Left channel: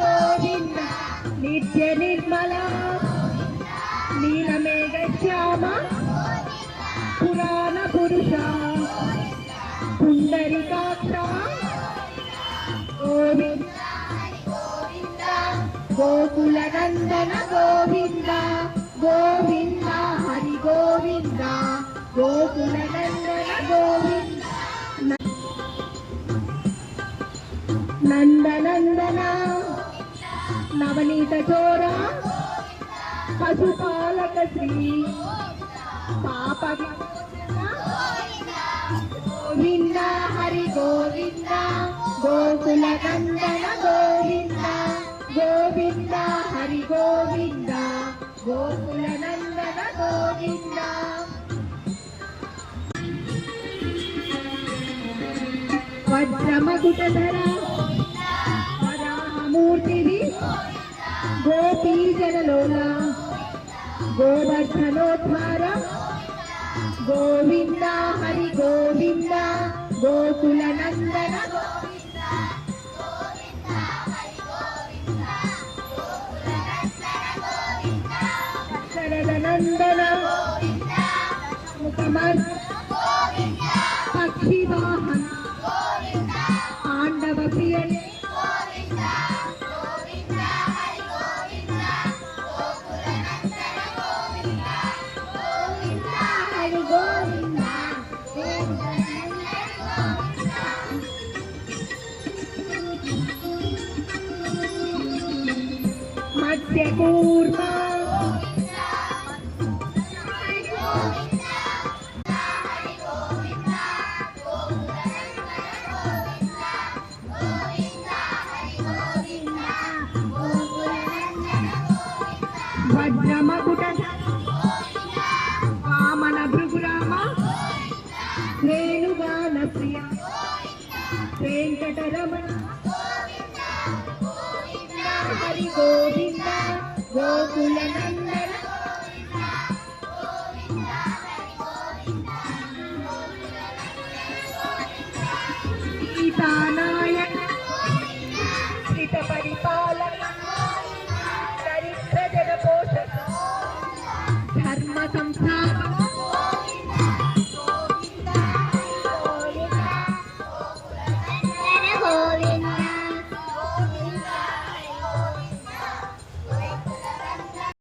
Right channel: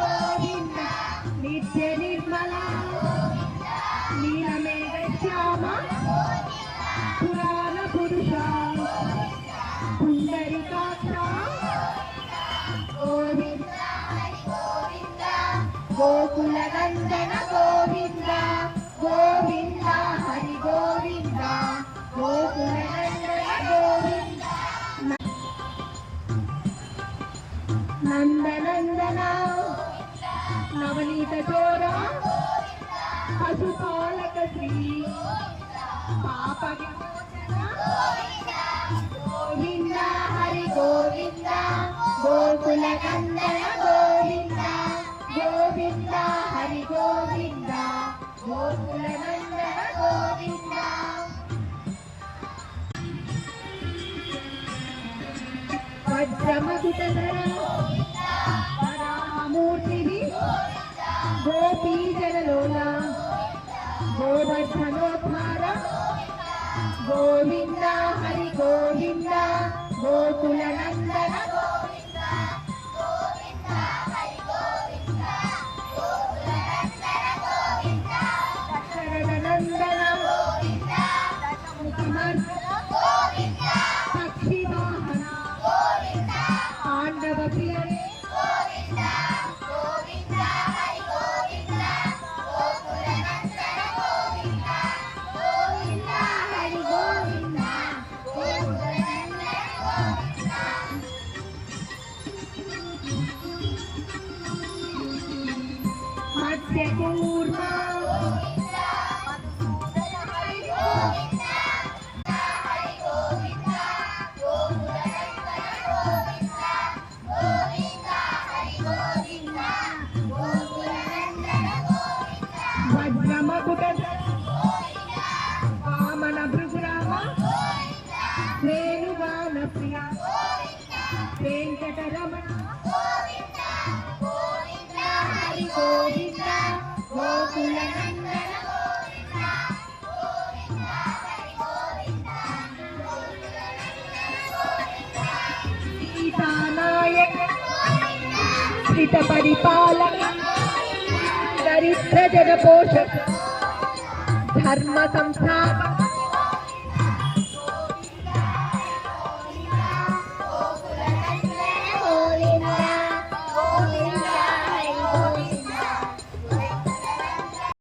ಗೋವಿಂದ ನಿತ್ಯ ನಿರ್ಮಲ ನೀಲಮೇಘ ಶ್ಯಾಮ ಪುರಾಣ ಪುರುಷ ಪುಂಡರಿಕಾಕ್ಷ ಗೋವಿಂದ ಗೋಕುಲ ನಂದನ ಗೋವಿಂದ ಗೋವಿಂದ ಹರಿ ಗೋವಿಂದ ಗೋಕುಲ ನಂದನ ಗೋವಿಂದ ನಂದನಂದನ ನವನೀತ ಚೋರ ಪಶುಪಾಲಕ ಶ್ರೀ ಪಾಪ ಗೋವಿಂದ ಹರಿ ಗೋವಿಂದ ಗೋಕುಲ ನಂದನ ಗೋವಿಂದ ಗೋವಿಂದ ಹರಿ ಗೋವಿಂದ ಗೋಕುಲ ನಂದನ ಗೋವಿಂದ ವಜ್ರಮಗುಟಧರ ಮೂರ್ತಿ ಗೋಪೀ ಜನಲೋಲ ಗೋವರ್ಧನೋದ್ಧಾರ ಗೋವಿಂದ ಹರಿ ಗೋವಿಂದ ಗೋಕುಲ ನಂದನ ಶರದ ನಂದನ ಪಕ್ಷಿ ವಾಹನ ಪಾಂಡವ ಪ್ರಿಯನೇ ಮತ್ಸ್ಯಕೂರ್ಮ ವಜ್ರಮಗುಟ ವಾಮನ ಭೃಗುರಾಮ ವೇಣುಗಾನ ಪ್ರಿಯ ವೆಂಕಟರಮಣ ಹರಿ ಗೋವಿಂದ ಗೋಕುಲ ನಂದನ ಸೀತಾನಾಯಕ ಸ್ಥಿತ ಪರಿಪಾಲಕ ದರಿದ್ರ ಜನ ಪೋಷಕ ಧರ್ಮ ಸಂಸ್ಥಾಪಕ